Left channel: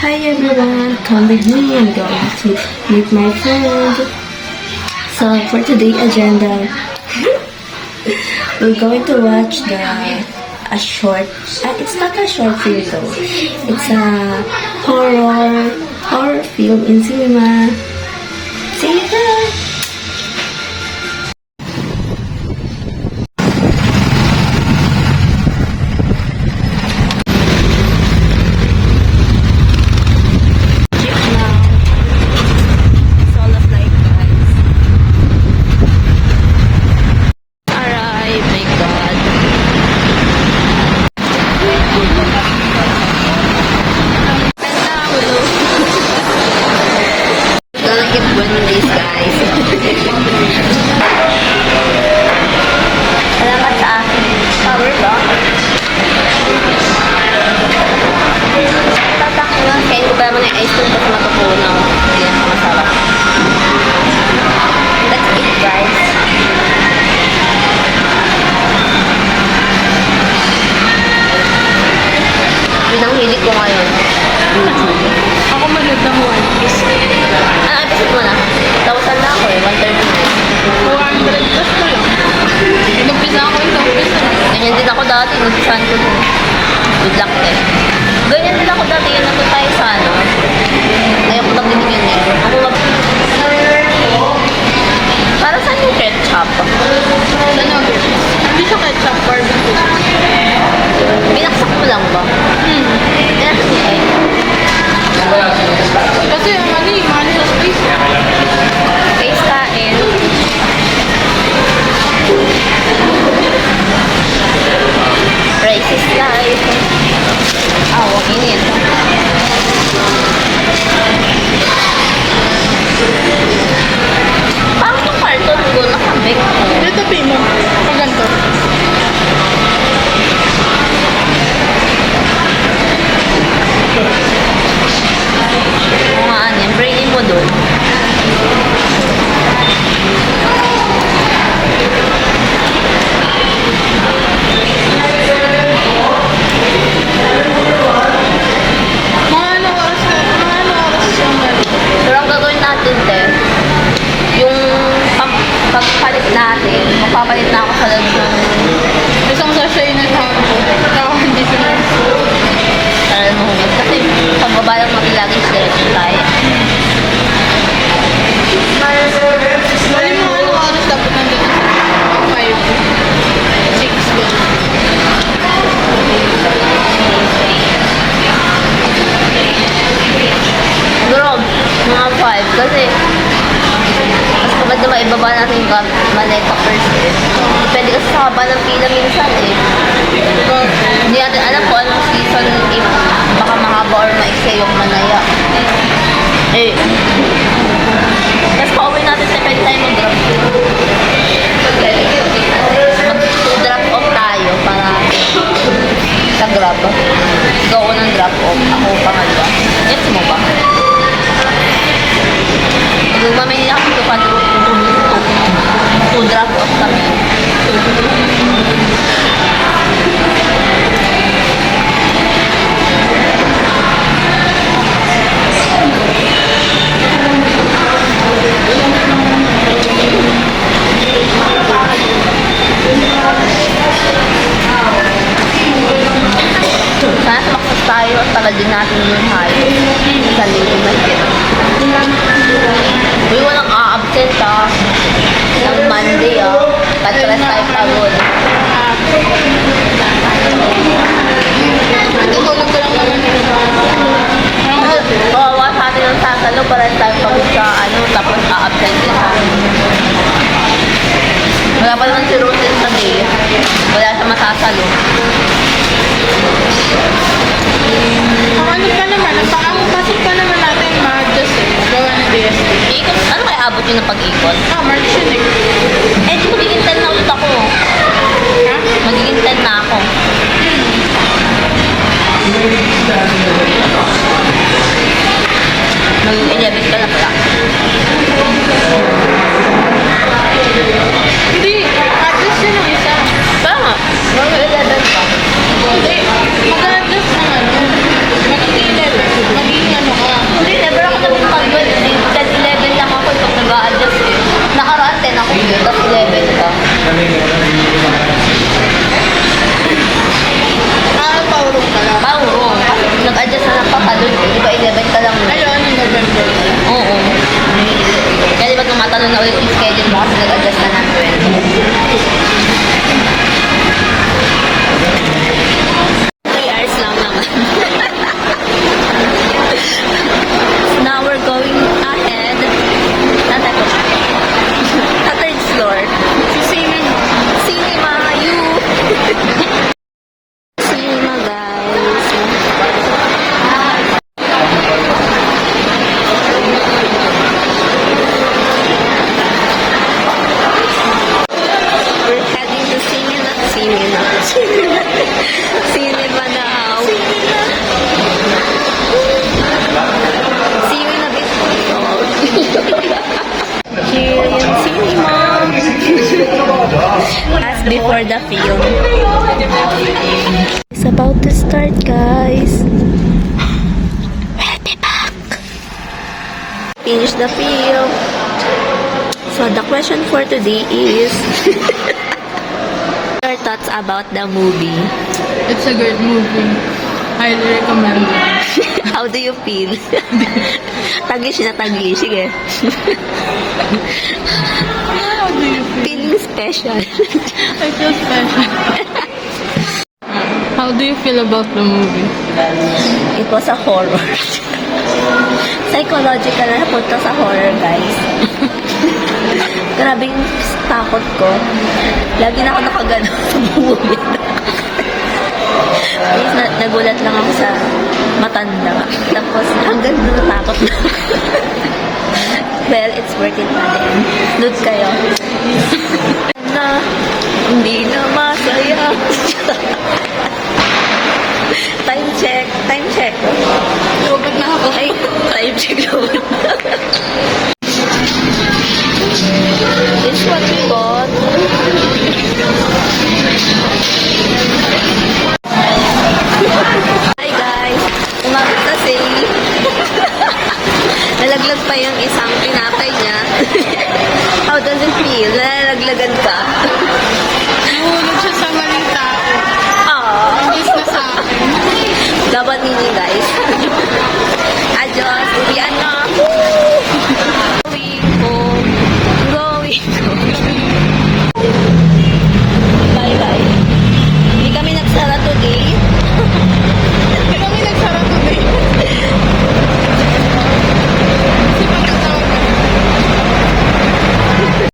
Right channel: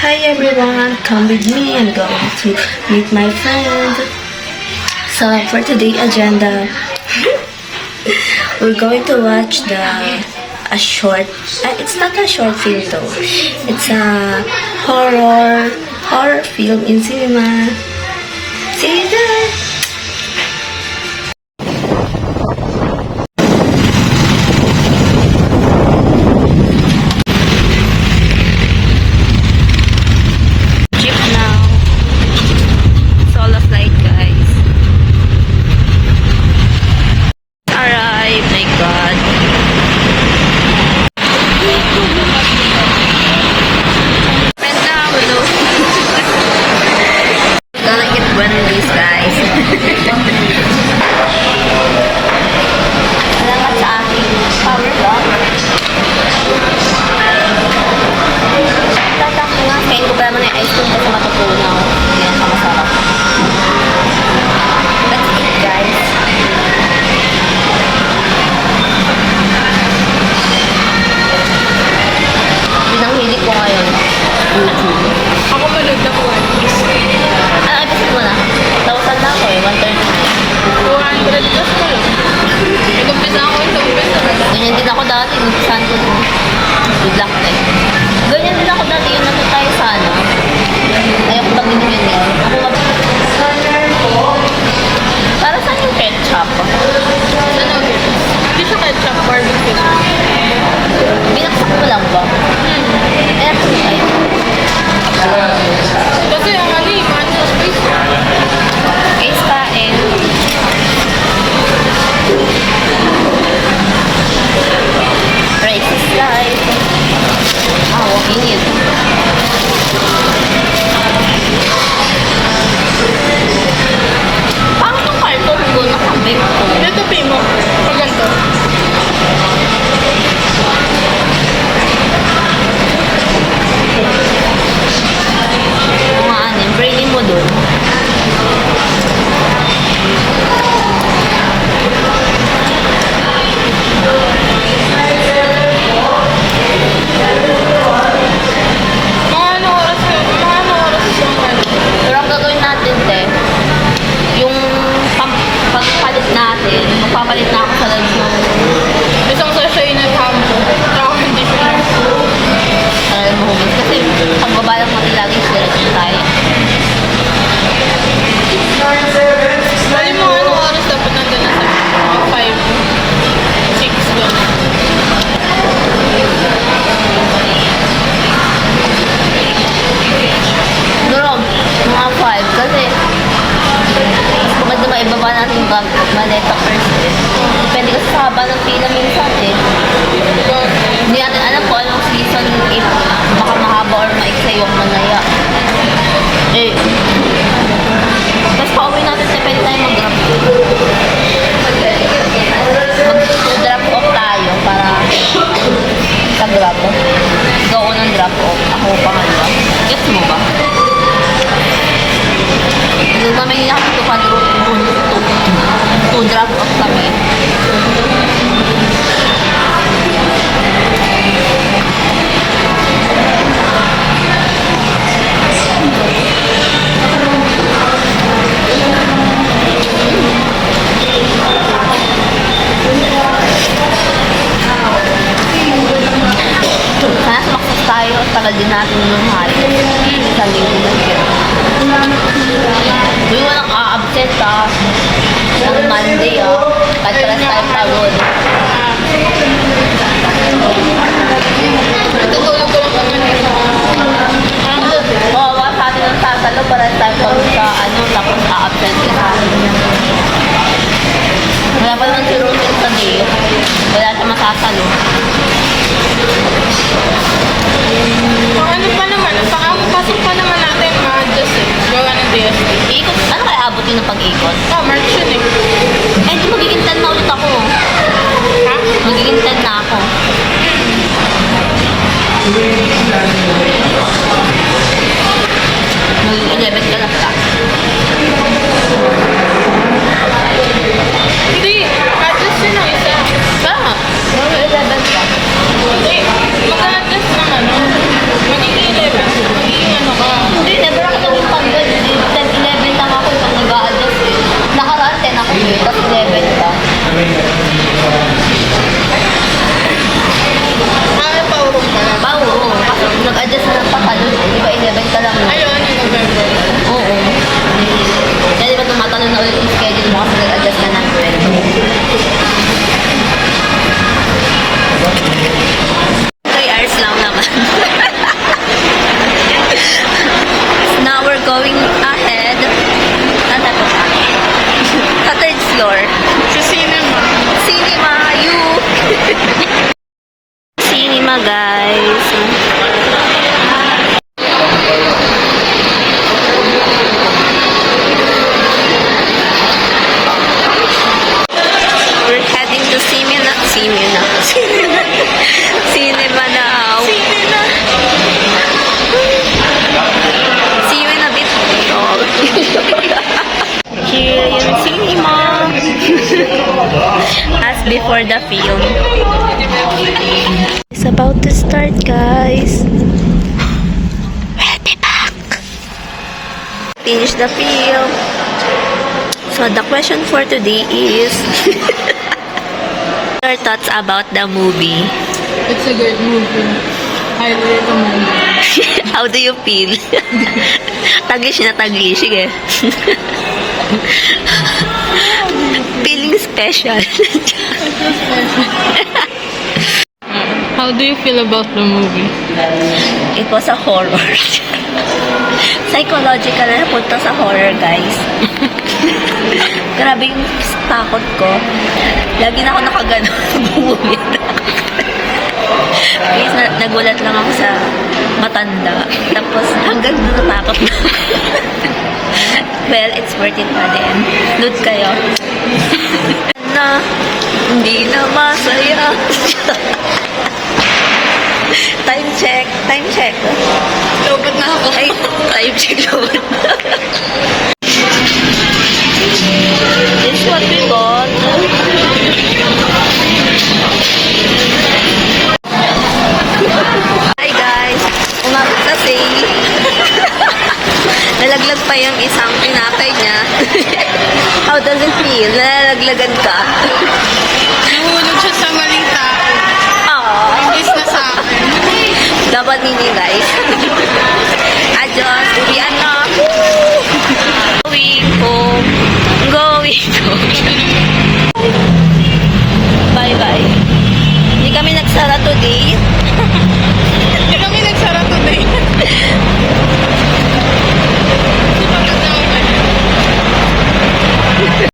Hi everyone, come with me. I'm going to meet my friend. So for today's agenda, we're going to watch a short. It's not a short film though. It's a horror film in cinema. See you there. Salamat sa aking power bank. Tatak nga, kain ko pa naman yung ice cream kasi matutunaw. Hindi yan masarap. That's it, guys. Binanghilig ko ngayon. YouTube. Ako manood ng One Piece. Ano episode mo na? 1,000 na ako eh, 130. 400 plus ko lang. Nag-umpisa ako yung umpisa. Ganyan din ako dati, nagpisahan ko din. Good luck din. Ganyan din ako dati, yung nasa tayo sa ano. Ayoko na binigyan eh. Ako mag... Para saan yung ketchup? Ano? Hindi siya ketchup, barbecue. Binaksak mo lang ba? Kaya ito ay. Kasi yung ano yung manual space. Face kain. Rice is life. Awak mo yun. Pang itong carton ko, nakambik ko. Ito mo. Sa ganito. Mga ano, brainy mo dun. Mga ano oras siyang ano. Pero ang gagawin natin, te, yung pagpalit natin, magpapalit na ako sa loob ng Isang sachet ng hambo. Ako hindi siya. alam mo humus. Kasi pagbaba lang natin lagi sila tayo. Dali mo ano oras dapat nandun na sa 5, 6 gano'n. Bro, mga 5 kasi mas maganda maibaba natin yung maleta first eh. Depende kasi sa haba ng pila minsan eh. Hindi natin alam kung anong season 8. Baka mahaba or maiksa yung manaya. Eh, tapos pauwi natin sa pwede tayo mag-drop. Mag-drop off tayo para sa grab. Ikaw unang drop off. Ako pangalawa. Gets mo ba? Mamaya na kami to drop off kami. Sana sumaksak tayo at tagal din natin yung hayo sa linggo na yun. Uy, walang a-absent ng Monday Patras tayo pagod. Natutulog ko lang kami. Kawawa sa atin ang sasalo para tayo pagod sa tapos a-absent ka. Wala pa naman si Rosen sa day. Wala siya masasalo. Ang ano pa naman, ang pasok pa naman natin, ma-adjust eh. Gawa ng DSL. Ikot, ano kaya abot yun ng pag-ikot? Oh, March yun eh. Eh, di magiging 10 na ulit ako. Ha? Magiging 10 na ako. Magiging 11 ka na pala. Hindi, adjust yun ang isa. Tama. Magiging 11 pa. Hindi, mag-adjust ng ano. Magiging 11. Magiging Ah, paurong ka lang. Oo, kasi nag-adjust na ng patalon. Di ba 11 ka lang no? Ayun, yung November. Oo. Kaya di ba tumatalon na ulit yung schedule mo kasi nag-adjust ka ng 12. 3 hours lang naman. Now we're going ahead. Saan tayo punta? Sa third floor. Sa cinema. Cinema, you! Cinema, guys. We're heading to cinema. Cinema. Cinema now. Cinema. See you in a bit. Oh. Here yung cinema. As before the film. It's about to start, guys. We'll be back. Finish the film. So the question for today is your thoughts about the movie. It's a great movie. Highly recommended. How do you feel? Taglish na taglish. Sige. Feeling special. How do you feel about the movie? It was a horror. Psychological na napunta sa horror, guys. Grabe yung takot ko. Lagi na ako nakagano sa bumubit. Guys, nagulat lang ako sa matanda. Tapos hanggang doon natakot na. Well, it's worth it pa din. Load kayo. Na, hindi na masaya. Time check. Time check. Lobat na ako. Ay, time check load. This is what we bought. Hi guys! Umabot na sale. Nalaglag pa yung isang tinapay niya. How does it feel? Nalalaglagan ka? Nahulog siya sa maling tao. Ah, Imbis na sa akin. dapat hindi guys.